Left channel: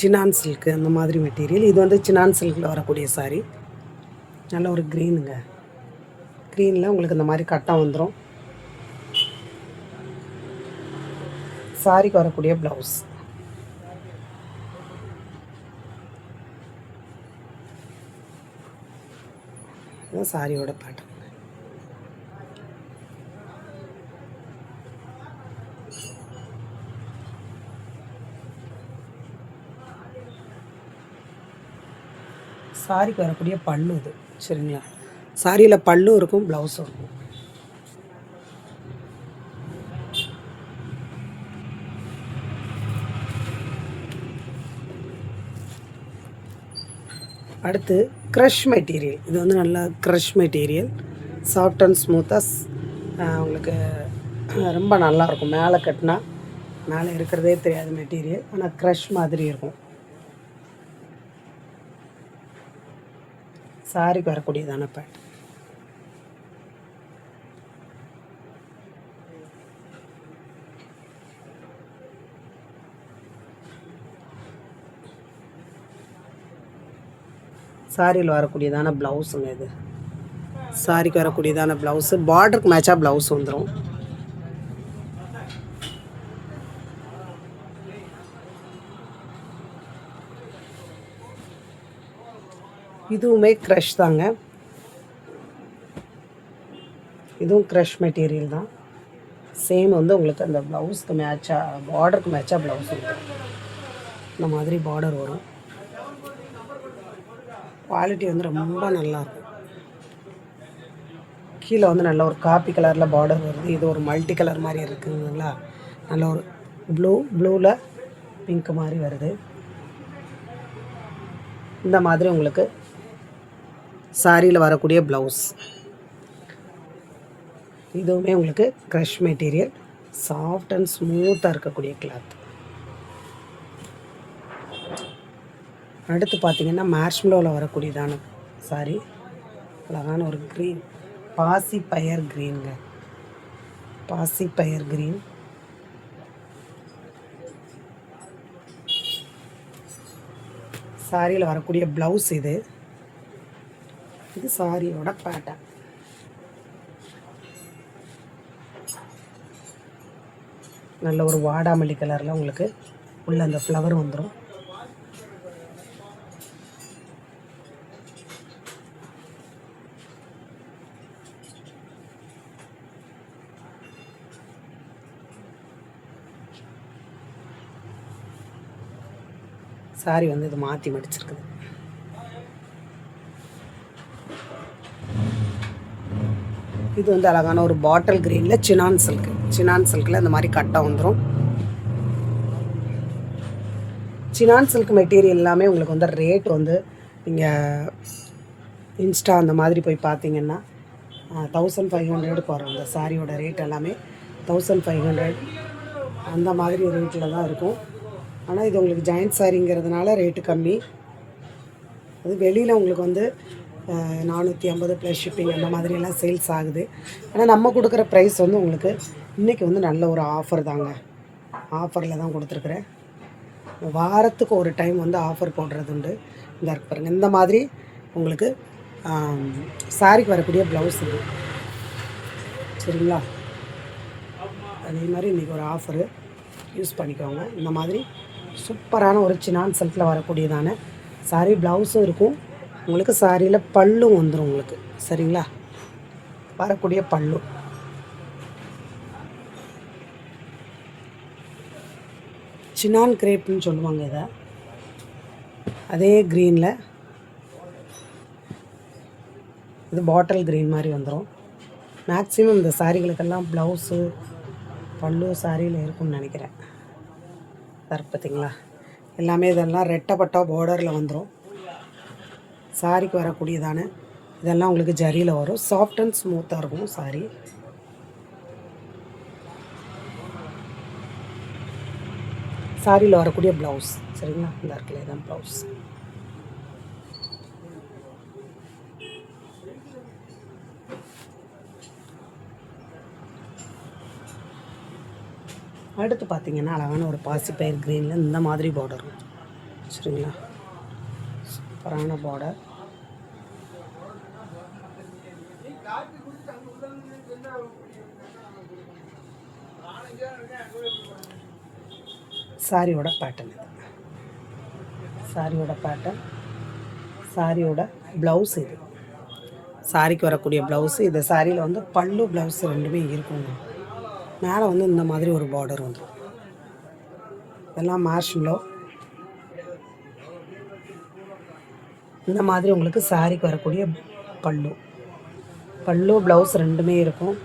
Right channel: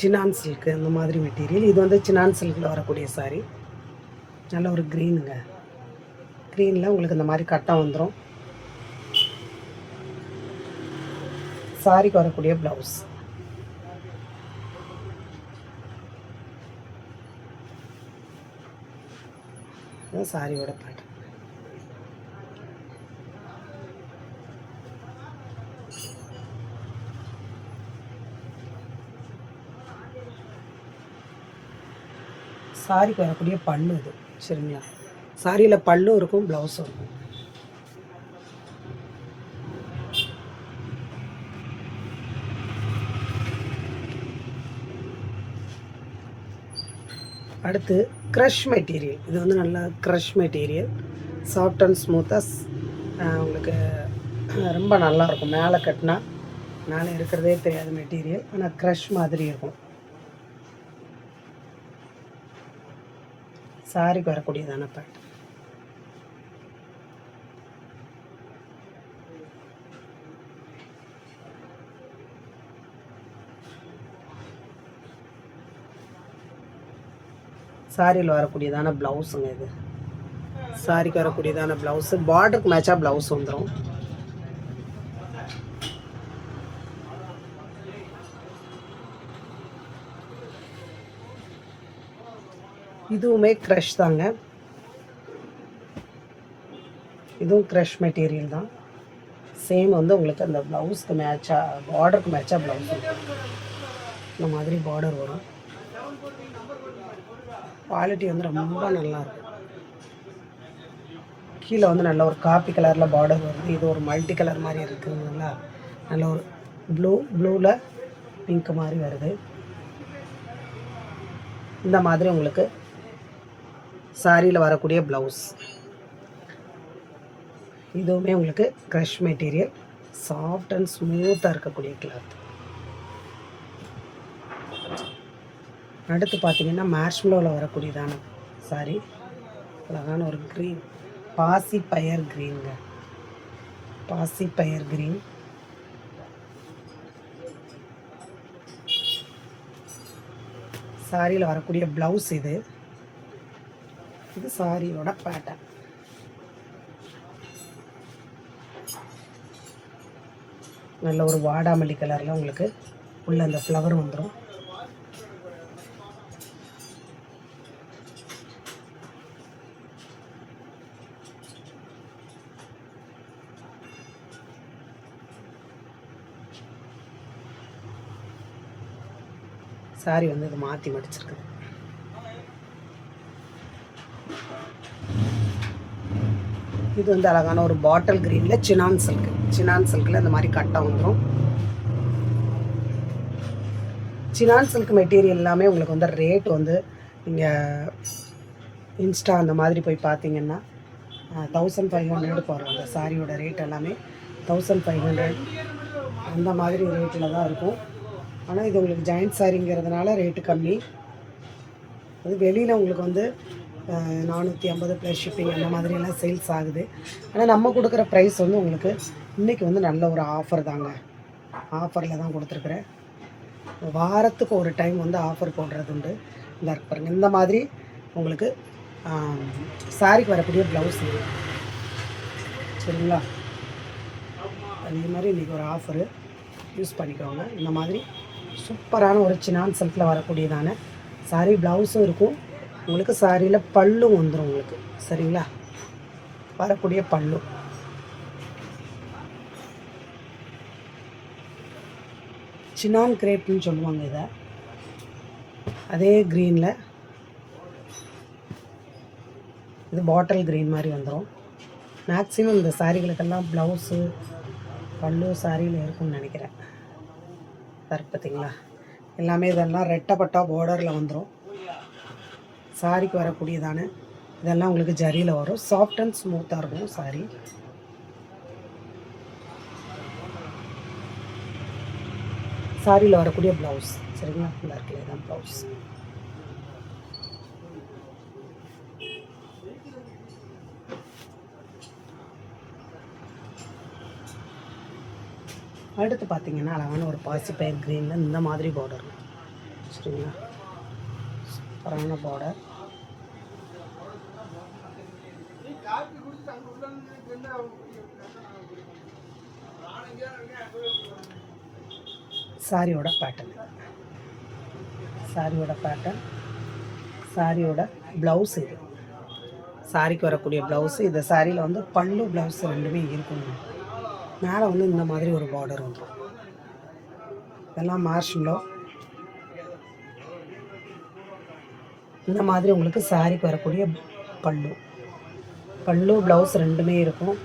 Sinan silk அந்த மாதிரி material. இது வந்து சினான் சில்கில் வரக்கூடிய சாரீ. நல்ல ஒரு க்ரீனுங்க. க்ரீனில் உங்களுக்கு இந்த மாதிரி கட்டம் வந்துடும். சாரிக்கு வரக்கூடிய ப்ளவுஸ். சாரியோட பேட்டர்ன். சாரிக்கு வரக்கூடிய பல்லு இது. சரிங்களா? சாரியில் பல்லும் இருக்கும், ப்ளவுஸும் இருக்கும். அடுத்து க்ரஷ் மெட்டீரியல். இது வந்து நல்லா க்ரஷ் மெட்டீரியல். சாஃப்ட் அண்ட் ஸ்மூத்தாக உங்களுக்கு ரொம்ப நல்லாயிருக்கும். மேலே கட்டினா மேலே இருக்கிறதே தெரியாத மெட்டீரியல், ஆனால் க்ரஷ் மாதிரி இருக்கும். சாரிக்கு வரக்கூடியதான பேட்டர்ன். சாரியில் வரக்கூடியதான ப்ளவுஸுங்க இது. சாரிக்கு வரக்கூடியதான ப்ளவுஸு. பார்டருக்கு மேட்சாக ப்ளவுஸ் வந்துடும். இதுவுமே க்ரஷ் தாங்க. இதுவும் க்ரஷ் மெட்டீரியல் தான். சேம் வந்து உங்களுக்கு அந்த ப்ளவுஸ்க்கு மேட்சாக, பார்டருக்கு மேட்சாக ப்ளவுஸ் இருக்கும். இந்த மாதிரி பார்டர் வரும். குவாலிட்டி வந்து ரொம்ப நல்லாயிருக்கும். கீழே வந்து நல்ல ஒரு காப்பி கலரில் பார்டர் வருது. இது ஒரு மல்டி கலர் மாதிரி இருக்குங்களா? நல்ல ஒரு ப்ளூவில் பிங்க் மாதிரி வருது. இந்த மாதிரி உங்களுக்கு சாரியில் வரக்கூடிய ப்ளவுஸ். இதுவுமே உங்களுக்கு க்ரஷ் மெட்டீரியல். சாஃப்ட் அண்ட் ஸ்மூத்தாக இருக்கக்கூடிய கிளாத். அடுத்து பார்த்திங்கன்னா மேர்ஷ்மெலோவில் வரக்கூடியதான சாரி. அழகான ஒரு க்ரீன், பாசி பயர் க்ரீனுங்க. பாசி பயர் க்ரீன். சாரியில் வரக்கூடிய ப்ளவுஸ் இது. இது சாரியோட பேட்டர்ன். நல்ல ஒரு வாடாமல்லி கலரில் உங்களுக்கு உள்ள அந்த ஃப்ளவர் வந்துடும். சாரி வந்து இது மாற்றி மடிச்சிருக்குது. இது வந்து அழகான ஒரு பாட்டில் க்ரீனில் சினான் சில்க்கு. சினான் சில்கில் அந்த மாதிரி கட்டம் வந்துடும். சினான் சில்க் மெட்டீரியல் எல்லாமே உங்களுக்கு வந்து ரேட் வந்து நீங்கள் இன்ஸ்டா அந்த மாதிரி போய் பார்த்தீங்கன்னா 1500 வரும். அந்த சாரியோட ரேட் எல்லாமே 1500 அந்த மாதிரி ரேட்டில் தான் இருக்கும். ஆனால் இது உங்களுக்கு ஜாயிண்ட் சாரிங்கிறதுனால ரேட்டு கம்மி. அது வெளியில் உங்களுக்கு வந்து 450 ப்ளஸ் ஷிப்பிங் அந்த மாதிரியெல்லாம் சேல்ஸ் ஆகுது. ஆனால் நம்ம கொடுக்குற ப்ரைஸ் வந்து உங்களுக்கு இன்றைக்கி வந்து நல்ல ஒரு ஆஃபர் தாங்க. ஆஃபரில் தான் கொடுத்துருக்குறேன். வாரத்துக்கு ஒரு டைம் வந்து ஆஃபர் போடுறது உண்டு. இந்த இருக்கு பாருங்கள். இந்த மாதிரி உங்களுக்கு சாரிக்கு வரக்கூடிய ப்ளவுஸ் இது. சரிங்களா? அதே மாதிரி இன்றைக்கி ஒரு ஆஃபரு யூஸ் பண்ணிக்கோங்க. இந்த மாதிரி சூப்பரான ஒரு சினான் சில்கில் வரக்கூடியதான சாரி. ப்ளவுஸும் இருக்கும் உங்களுக்கு. சாரியில் பல்லும் வந்துடும் உங்களுக்கு. சரிங்களா? வரக்கூடிய பல்லு. சினான் கிரேப்னு சொல்லுவாங்க இதை. அதே க்ரீனில் இது பாட்டில் க்ரீன் மாதிரி வந்துடும். மேக்ஸிமம் இந்த சாரிகளுக்கெல்லாம் ப்ளவுஸு பல்லு சாரியில் இருக்கும்னு நினைக்கிறேன். பார்த்தீங்களா? எல்லாமே இதெல்லாம் ரெட்டப்பட்டா பார்டரில் வந்துடும். சாரிக்கு வரக்கூடியதான இதெல்லாம் உங்களுக்கு ஜரியில் வரும். சாஃப்ட் அண்ட் ஸ்மூத்தாக இருக்கும் சாரி. சாரியில் வரக்கூடிய ப்ளவுஸ். சரிங்களா? இந்த இடத்துல தான் ப்ளவுஸ். அடுத்து பார்த்திங்கன்னா அழகான ஒரு பாசிப்பயிர் க்ரீனில் இந்த மாதிரி பார்டர். சரிங்களா? சூப்பரான பார்டர். சாரியோட பேட்டர்ன், சாரியோட பேட்டர்ன், சாரியோட ப்ளவுஸ் இது. சாரிக்கு வரக்கூடிய ப்ளவுஸு. இந்த சாரியில் வந்து பல்லு ப்ளவுஸ் ரெண்டுமே இருக்குங்க. மேலே வந்து இந்த மாதிரி ஒரு பார்டர் வந்துடும். இதெல்லாம் மார்ஷிலோ. இந்த மாதிரி உங்களுக்கு சாரிக்கு வரக்கூடிய பல்லு, பல்லு ப்ளவுஸ் ரெண்டுமே இருக்கும்.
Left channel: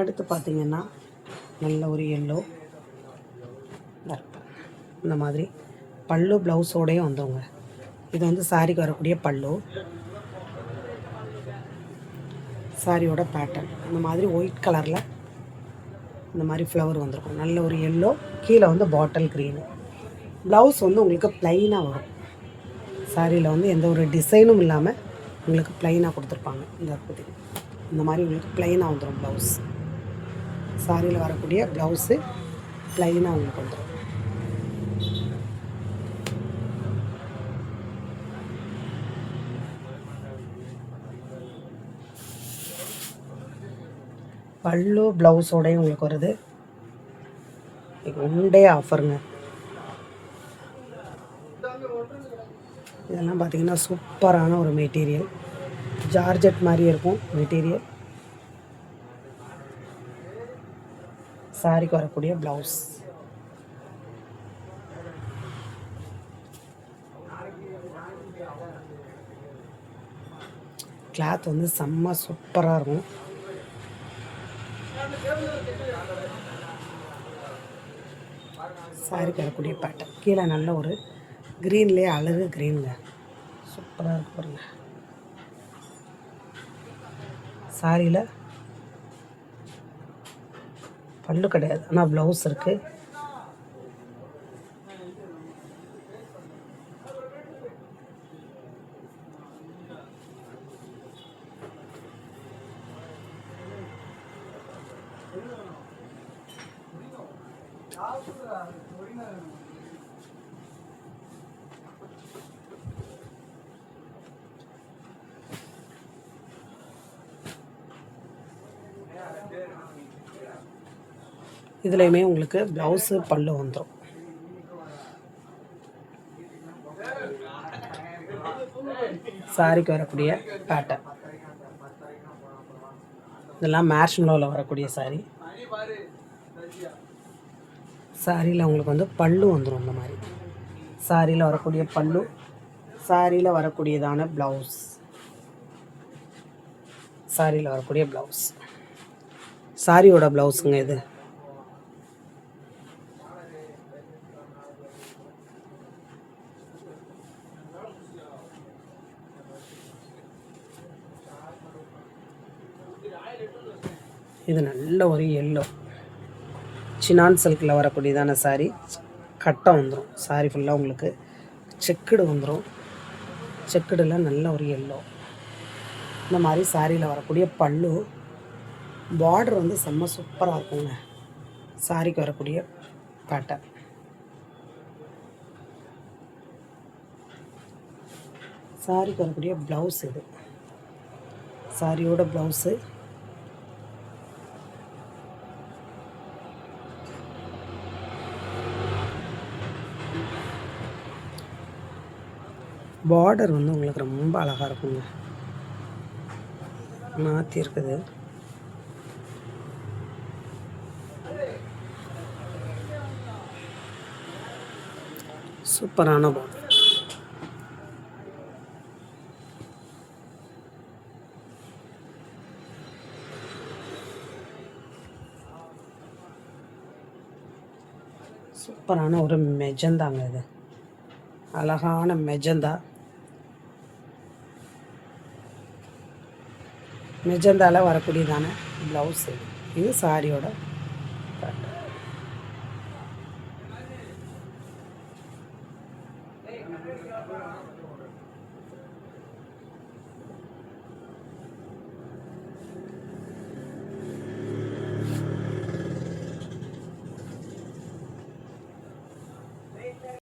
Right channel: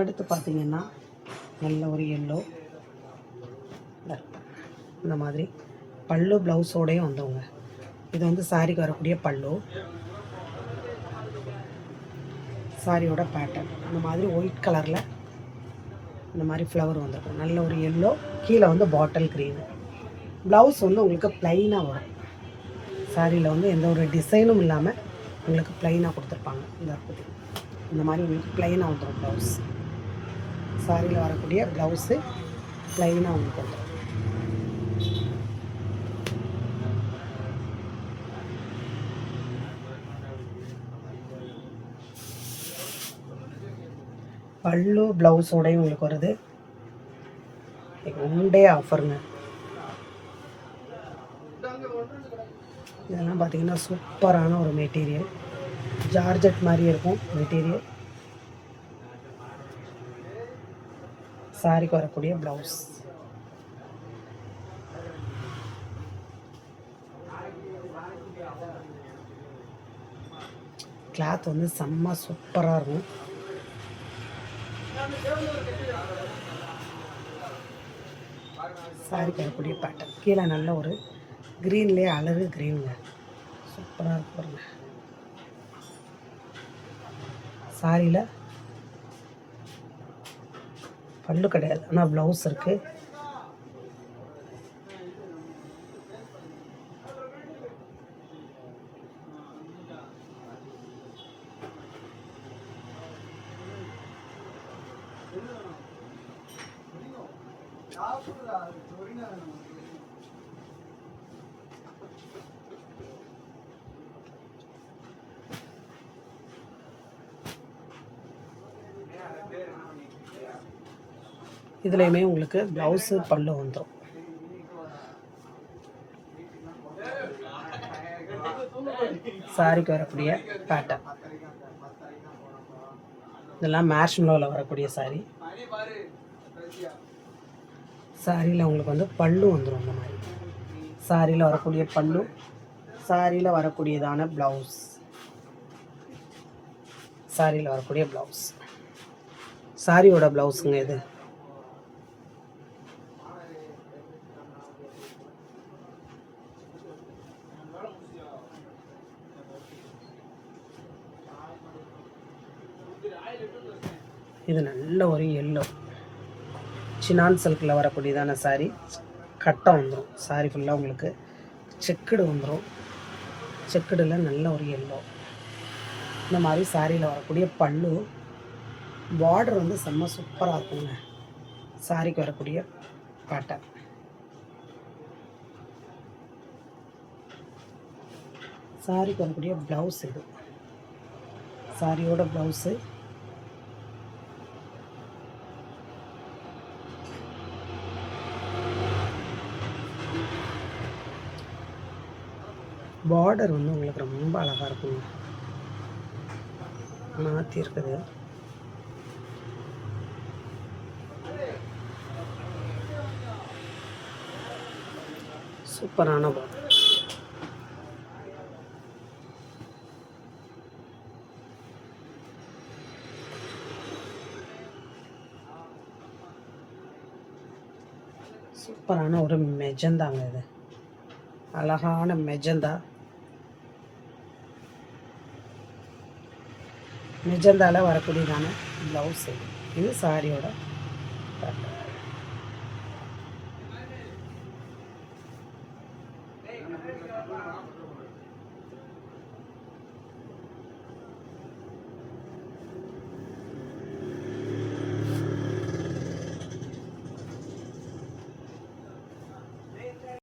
அடுத்து பார்த்திங்கன்னா நல்ல ஒரு எல்லோ, இந்த மாதிரி பல்லு ப்ளவுஸோடையும் வந்தவங்க. இது வந்து சாரிக்கு வரக்கூடிய பல்லு, சாரியோட பேட்டர்ன். அந்த மாதிரி ஒயிட் கலரில் இந்த மாதிரி ஃப்ளவர் வந்துருக்கும். நல்ல ஒரு எல்லோ, கீழே வந்து பாட்டில் க்ரீனு. ப்ளவுஸ் வந்து உங்களுக்கு ப்ளைனாக வரும். சாரியில் வந்து எந்த ஒரு டிசைனும் இல்லாமல் உங்களுக்கு ப்ளைனாக கொடுத்துருப்பாங்க. இந்த மாதிரி உங்களுக்கு ப்ளைனாக வந்துடும் ப்ளவுஸ். சாரியில் வரக்கூடிய ப்ளவுஸு ப்ளைனாக உங்களுக்கு வந்துடும். பல்லு ப்ளவுஸோடையும் உங்களுக்கு வருது. ஒன் டே ஆஃபருங்க. இதெல்லாம் பார்த்திங்கன்னா சூப்பரான ஒரு மெட்டீரியல். ஜார்ஜெட் மாதிரி இருக்கும் மெட்டீரியல். சாரிக்கு வரக்கூடிய ப்ளவுஸ். கிளாத் வந்து செம்ம சூப்பராக இருக்கும். சாரிக்கு வரக்கூடிய பேட்டர்ன். கீழே நல்ல ஒரு க்ரீன்லேயே அழகு க்ரீனுங்க, சூப்பராக இருக்கு பாருங்க. சாரியில் பல்லு கிடையாது, ஆனால் ப்ளவுஸ் இருக்குது. இதுலேயுமே உங்களுக்கு ப்ளவுஸு பல்லு வந்துடும். சாரிக்கு வரக்கூடிய பேட்டர்ன். இதெல்லாம் மேர்ஷ்மெலோவில் வரக்கூடிய சாரி. சாரியில் உங்களுக்கு வந்து பல்லு வந்துடும். இந்த மாதிரி சாரியில் வரக்கூடிய பல்லு, சாரியில் வரக்கூடியதான ப்ளவுஸ், சாரியில் வரக்கூடிய ப்ளவுஸ், சாரியோட ப்ளவுஸுங்க இது. இது நல்ல ஒரு எல்லோ, சினான் சில்கில் வரக்கூடியதான சாரி. கட்டை வந்துடும். சாரி ஃபுல்லாக உங்களுக்கு செக்குடு வந்துடும். செக்குடில் நல்ல ஒரு எல்லோ. இந்த மாதிரி சாரியில் வரக்கூடிய பல்லு, பார்டர் வந்து செம்ம சூப்பராக இருக்குங்க. சாரிக்கு வரக்கூடிய பேட்டர்ன். சாரிக்கு வரக்கூடிய ப்ளவுஸ் இது. சாரியோட ப்ளவுஸு. பார்டர் வந்து உங்களுக்கு ரொம்ப அழகாக இருக்குங்க, மாற்றி இருக்குது. சூப்பரான பார்டர். சூப்பரான ஒரு மெஜந்தாங்க இது, அழகான மெஜந்தா. மெஜந்தாவில் வரக்கூடியதான ப்ளவுஸ் இது. சாரியோட